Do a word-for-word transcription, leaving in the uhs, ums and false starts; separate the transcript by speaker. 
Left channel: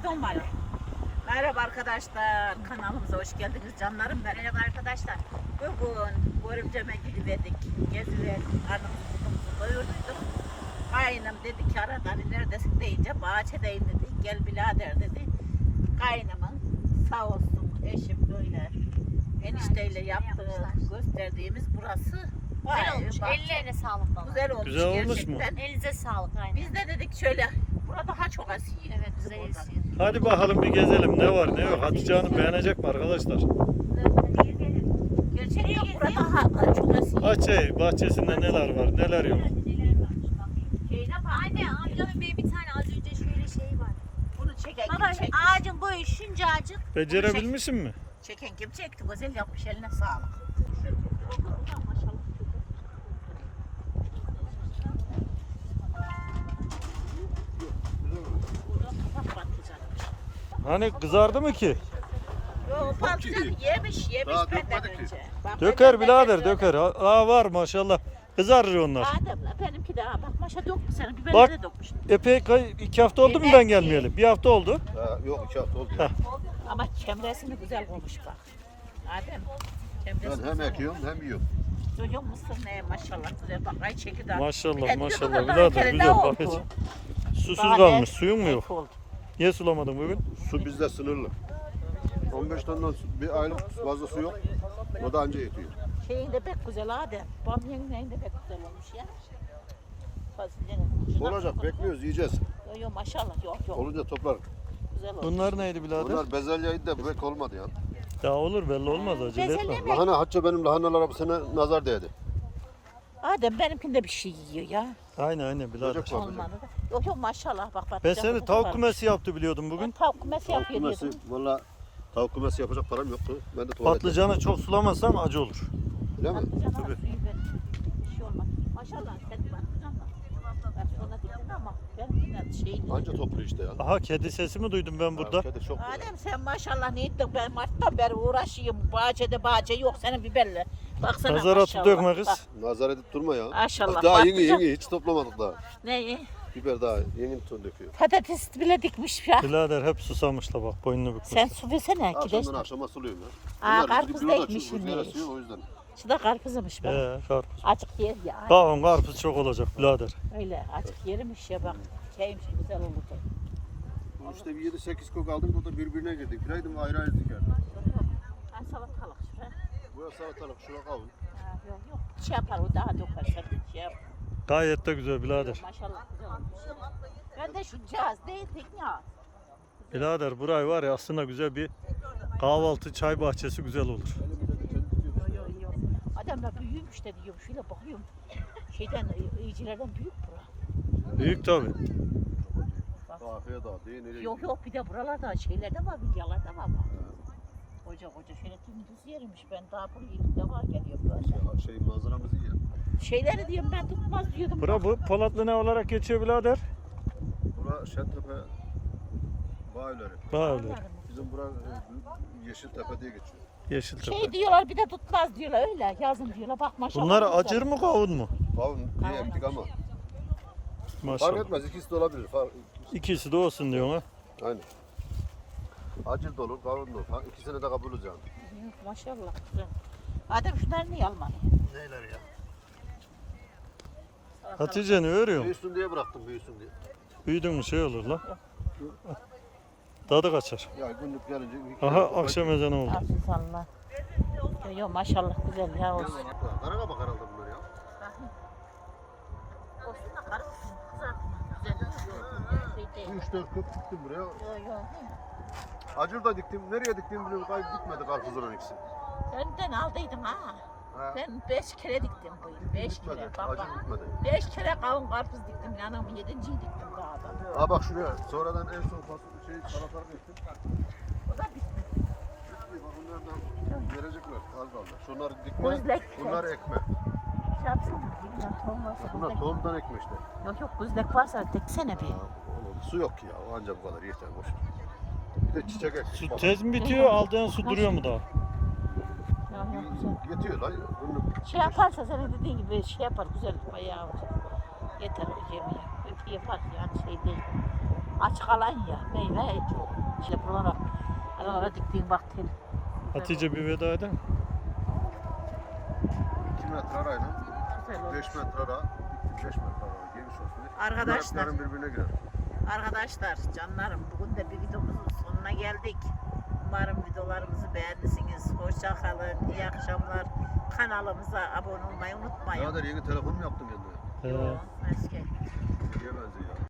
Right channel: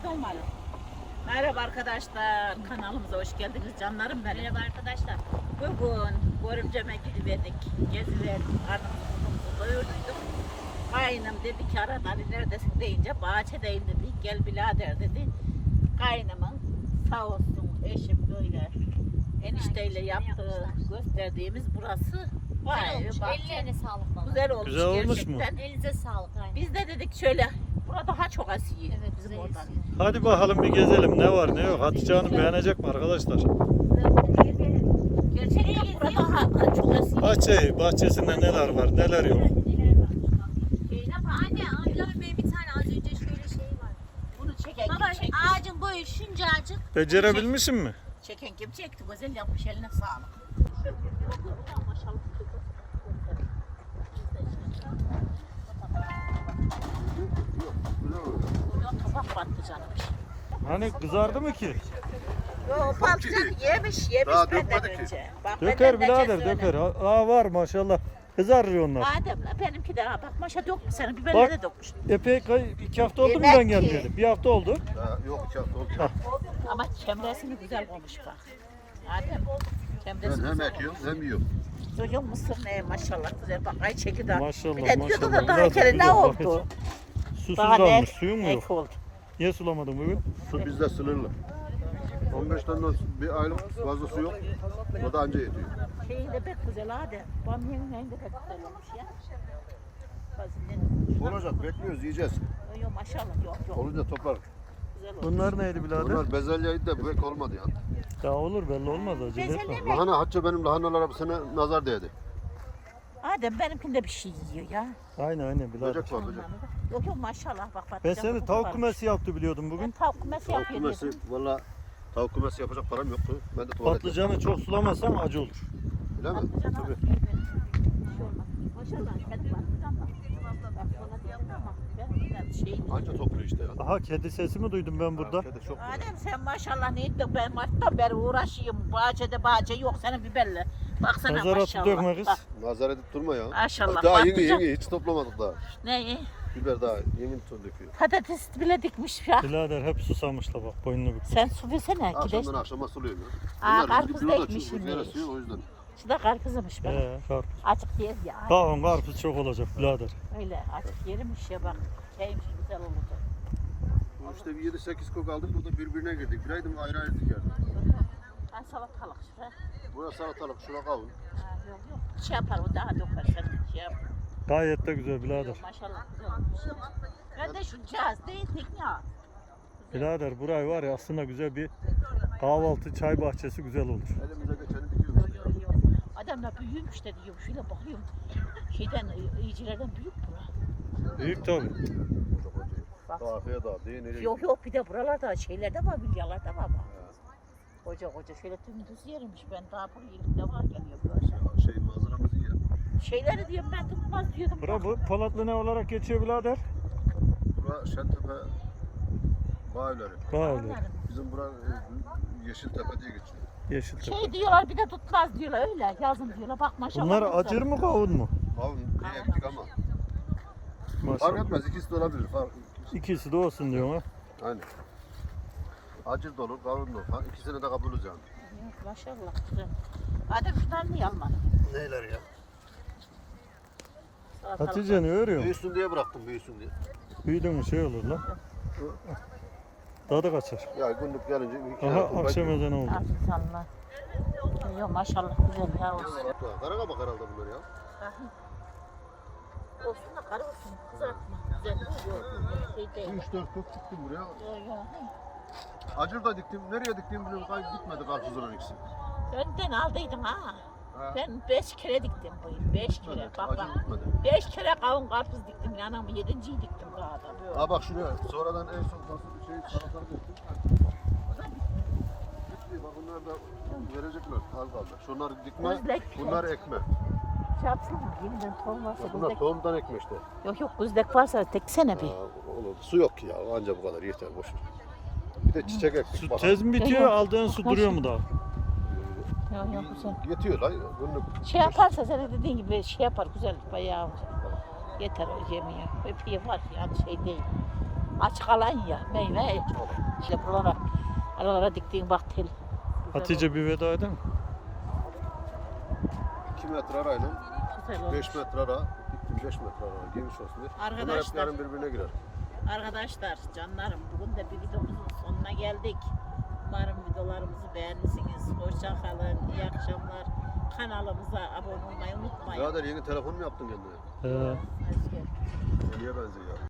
Speaker 1: Ton Mali. Merhaba arkadaşlar, kanalımıza hoş geldiniz canlarım benim.
Speaker 2: Merhaba arkadaşlar.
Speaker 1: Bugün Görümcem'e gidiverdik, geziverdik, karnımızı burnumuzu doyurduyduk. Kaynım dedi ki arada hani neredesin deyince bahçedeyim dedi, gel birader dedi. Kaynımın sağ olsun eşim böyle enişteyle yaptığı, gösterdiğimiz burası. Vay,
Speaker 2: Güzel olmuş.
Speaker 1: bahçe.
Speaker 2: Ellerine sağlık baba.
Speaker 1: Güzel olmuş,
Speaker 3: Güzel olmuş mu?
Speaker 1: gerçekten.
Speaker 2: Elinize sağlık aynen.
Speaker 1: Biz de dedik şöyle, burada daha çok asiye.
Speaker 2: Evet
Speaker 1: bizim
Speaker 2: güzel
Speaker 1: oradan.
Speaker 2: esiyor.
Speaker 3: Hadi bakalım bir gezelim. Ne var ne yok. Hatice Hanım beğenecek mi arkadaşlar?
Speaker 1: Gerçekten burada daha çok asiye.
Speaker 3: Bahçe, bahçesinde neler var neler yok.
Speaker 2: Anne amcamın benim bir tane az önce şöyle şey var.
Speaker 1: Bunu çeken
Speaker 2: Baba
Speaker 1: kim çekmiş?
Speaker 2: ağacın boyu şuncacık.
Speaker 3: Becerebilmişsin mi?
Speaker 1: Çeken kim çekti? Güzel yapmış, eline sağlık. Maşallah.
Speaker 4: Yok, güzel oluyor.
Speaker 1: Bugün kabak patlıcanı.
Speaker 3: Hani kızardı mı ki?
Speaker 1: Yo, patlıcan yemiş, yemiş
Speaker 4: Daha
Speaker 1: benden
Speaker 4: dökmedi ki.
Speaker 1: önce. Bak,
Speaker 3: Döker
Speaker 1: benden
Speaker 3: birader
Speaker 1: önce
Speaker 3: döker. Aa var maşallah. Kızarır onlar.
Speaker 1: Adem, benimki de ha, bak maşa dökmüş, senin
Speaker 3: Bak.
Speaker 1: biberleri de dökmüş.
Speaker 3: Epey kay- iki hafta oldu mu
Speaker 1: Demek
Speaker 3: ben
Speaker 1: ki-
Speaker 3: gelmeyeli? Bir hafta oldu.
Speaker 4: Ha, yok iki hafta oldu.
Speaker 3: Ha.
Speaker 1: Ama çemresini güzel koymuş bak. Adem, çemresi
Speaker 4: Ben hem
Speaker 1: güzel
Speaker 4: ekiyorum hem yiyorum.
Speaker 1: olmuş. Çocuğun mısır ne maşallah güzel bak, ay çekirdeği.
Speaker 3: Maşallah
Speaker 1: Bir de diyordu
Speaker 3: maşallah.
Speaker 1: da daha
Speaker 3: Birader
Speaker 1: kere ne
Speaker 3: güzel.
Speaker 1: oldu?
Speaker 3: Bak hiç. Susuz
Speaker 1: Bana
Speaker 3: kalmış.
Speaker 1: ne?
Speaker 3: Suyun mu yok?
Speaker 1: Ek oldu.
Speaker 3: Niye sulamadın bugün?
Speaker 4: Su bizde sınırlı. on beş tane bir aylık fazla su yok. O da anca yetiyor.
Speaker 1: Şeyin de pek güzel Adem. Bamyanın neyin de pek güzel olmuş ya. Fasulyenin.
Speaker 4: Olacak, bekliyoruz, yiyeceğiz.
Speaker 1: Yok yok maşallah yok yok.
Speaker 4: Olunca toplar.
Speaker 1: Güzel olmuş.
Speaker 3: Bunlar neydi birader?
Speaker 4: Bunlar bezelyeydi de bu pek olmadı ya.
Speaker 3: Ya olur belli olmaz acele etme.
Speaker 2: Bezelye mi?
Speaker 4: Lahana, hatta benim lahanalara bir sene nazar değdi.
Speaker 1: Adem benimkinde bir şey yiyor ya.
Speaker 3: Aynen aynen birader.
Speaker 4: Böcek var, böcek.
Speaker 1: Olmadı. Yok yok maşallah bak bak.
Speaker 3: Ben seni tavuk kümesi yaptı biliyordum bugün.
Speaker 1: Tavuk kümesi
Speaker 4: Tavuk
Speaker 1: yapıyor
Speaker 4: kümesi,
Speaker 1: diyordum.
Speaker 4: valla tavuk kümesi yapacak param yoktu. Ben de tuvalet.
Speaker 3: Patlıcanı çok sulamazsan acı olur.
Speaker 4: Öyle mi?
Speaker 3: Tabii.
Speaker 1: Bir şey olmaz. Maşallah senin patlıcan var. Bak sana diyorum ama benimkinden şey.
Speaker 4: Anca topluyor işte ya.
Speaker 3: Aha kedi sesi mi duydum ben burada?
Speaker 4: Kedi çok güzel.
Speaker 1: Adem sen maşallah ne ettin, ben Mart'tan beri uğraşayım. Bahçede bahçe yok senin biberle. Baksana
Speaker 3: Nazar atı
Speaker 1: maşallah.
Speaker 3: dökme kız.
Speaker 1: Bak,
Speaker 4: Nazar edip durma ya.
Speaker 1: maşallah.
Speaker 4: Daha yeni
Speaker 1: patlıcan-
Speaker 4: yeni hiç toplamadık daha.
Speaker 1: Ne?
Speaker 4: Biber daha yeni tur döküyor.
Speaker 1: Patates bile dikmiş ya.
Speaker 3: Birader hep susamış da bak boynunu bükmüş.
Speaker 1: Sen su versene gideş.
Speaker 4: Akşamdan akşama suluyorum ya.
Speaker 1: Aa,
Speaker 4: Bunlar
Speaker 1: karpuz
Speaker 4: bizim
Speaker 1: da
Speaker 4: bir yola
Speaker 1: ekmişsin
Speaker 4: rüzgar
Speaker 1: demiş.
Speaker 4: esiyor o yüzden.
Speaker 1: Şu da karpuzmuş bak.
Speaker 3: He karpuz.
Speaker 1: Açık yer ya.
Speaker 3: Bakın karpuz çok olacak birader.
Speaker 1: Öyle açık yermiş ya bak. Şeymiş güzel olacak.
Speaker 4: Bu işte bir yedi sekiz kök aldık, o da birbirine girdik. Biraydım ayrı ayrı dikerdim.
Speaker 1: Ha salatalık şuraya.
Speaker 4: Buraya salatalık, şuna kavun.
Speaker 1: Ha yok yok. Şey yapar o daha döker sen bir şey yap.
Speaker 3: Gayet de güzel birader.
Speaker 1: Yok, maşallah güzel olmuş ya. Ben de şu cihaz değildik ya.
Speaker 3: Birader burayı var ya aslında güzel bir kahvaltı çay bahçesi güzel olur.
Speaker 4: Elimize geçeni dikiyoruz işte ya.
Speaker 1: Yok yok. Adamlar büyümüş de diyor. Şöyle bakıyorum. Şeyden, iyicilerden büyük bura.
Speaker 3: Büyük tabi.
Speaker 1: Bak.
Speaker 4: Afiyet da değil nereye
Speaker 1: Yok yok bir de buralarda şeylerde var, dünyalarda var. Koca koca şöyle dümdüz yermiş. Ben daha bu ilk defa geliyorum. böyle.
Speaker 4: gidiyor? Şey manzaramız iyi ya.
Speaker 1: Şeyleri diyorum ben tutmaz diyordum.
Speaker 3: Bura bu Polatlı ne olarak geçiyor birader?
Speaker 4: Bura Şentepe Bağları.
Speaker 3: Böyle.
Speaker 4: Bizim bura e, Yeşiltepe diye geçiyor.
Speaker 3: Yeşiltepe.
Speaker 1: Şey diyorlar bir de tutmaz diyorlar öyle. Yazın diyorlar bak maşallah.
Speaker 3: Bunlar
Speaker 1: güzel.
Speaker 3: acır mı kavun mu?
Speaker 4: Kavun diye ektik ama. Fark
Speaker 3: Maşallah.
Speaker 4: etmez, ikisi de olabilir. Fark,
Speaker 3: İkisi de olsun diyor ha.
Speaker 4: aynen. Acil de olur, kavun da olur. Ha, İkisini de kabul edeceğim.
Speaker 1: Yok, maşallah güzel. Adem şunları niye almadın?
Speaker 4: Neyler ya?
Speaker 1: Salatalık.
Speaker 3: Hatice ne örüyorsun?
Speaker 4: Büyüsün diye bıraktım, büyüsün diye.
Speaker 3: Büyüdün mü şey olur lan. Tadı kaçar.
Speaker 4: Ya günlük gelince... iki
Speaker 3: Aha
Speaker 4: dakika
Speaker 3: akşam
Speaker 4: bekliyorum.
Speaker 3: ezanı oldu.
Speaker 1: Aziz Allah. Yok maşallah güzel ya olsun.
Speaker 4: Karakabak herhalde bunlar ya.
Speaker 1: Bakayım. Olsun da karı olsun. Kızartma. Güzel oluyor. Şey değil.
Speaker 4: üç dört kök diktim buraya.
Speaker 1: Yok yok.
Speaker 4: Acır da diktim. Nereye diktim bilmiyorum. Kayıp gitmedi karpuzların ikisi.
Speaker 1: Önden aldıydım ha.
Speaker 4: Ha.
Speaker 1: Ben beş kere diktim bu yıl. Beş
Speaker 4: Gitmedi.
Speaker 1: kere. Bak
Speaker 4: Acır
Speaker 1: bak.
Speaker 4: gitmedi.
Speaker 1: Beş kere kavun karpuz diktim. İnanamı yedinciyi diktim daha da böyle.
Speaker 4: Ha bak şuraya. Sonradan en son fasulye şey salatalık ektim.
Speaker 1: O da bitmedi.
Speaker 4: Bitmiyor. Bak bunlar da verecekler. Az kaldı. Şunları dikme.
Speaker 1: Özlek.
Speaker 4: Bunlar ekme.
Speaker 1: Şey yapsana. Yeniden tohum varsa
Speaker 4: Bunlar
Speaker 1: güzdek.
Speaker 4: tohumdan ekme işte.
Speaker 1: Yok yok güzdek varsa teksene bir.
Speaker 4: Ha, onu, su yok ki ya. Anca bu kadar yeter boş. ver. Bir de çiçek ektik.
Speaker 3: Su
Speaker 4: bak.
Speaker 3: tez mi bitiyor aldığın su duruyor mu daha?
Speaker 1: Yok yok güzel.
Speaker 4: Yetiyor la. Günlük.
Speaker 1: Şey yaparsa senin dediğin gibi şey yapar güzel bayağı yeter yemiyor. Öpeği var yani şey değil. Açık alan ya meyve. İşte buralara, aralara diktiğin bak tel. Güzel
Speaker 3: Hatice
Speaker 1: oldu,
Speaker 3: bir veda eder mi?
Speaker 4: iki metre arayla
Speaker 1: güzel oldu.
Speaker 4: beş metre ara. Diktim beş metre ara. Geniş olsun diye.
Speaker 1: Arkadaşlar.
Speaker 4: Bunlar birbirine girer.
Speaker 1: Arkadaşlar, canlarım bugün de bir videomuzun sonuna geldik. Umarım videolarımızı beğendirsiniz. Hoşça kalın, iyi akşamlar. Kanalımıza abone olmayı unutmayın.
Speaker 4: Birader yeni telefon mu yaptın kendine?
Speaker 3: He.
Speaker 1: Hoş geldin.
Speaker 4: Nereye benziyor ya?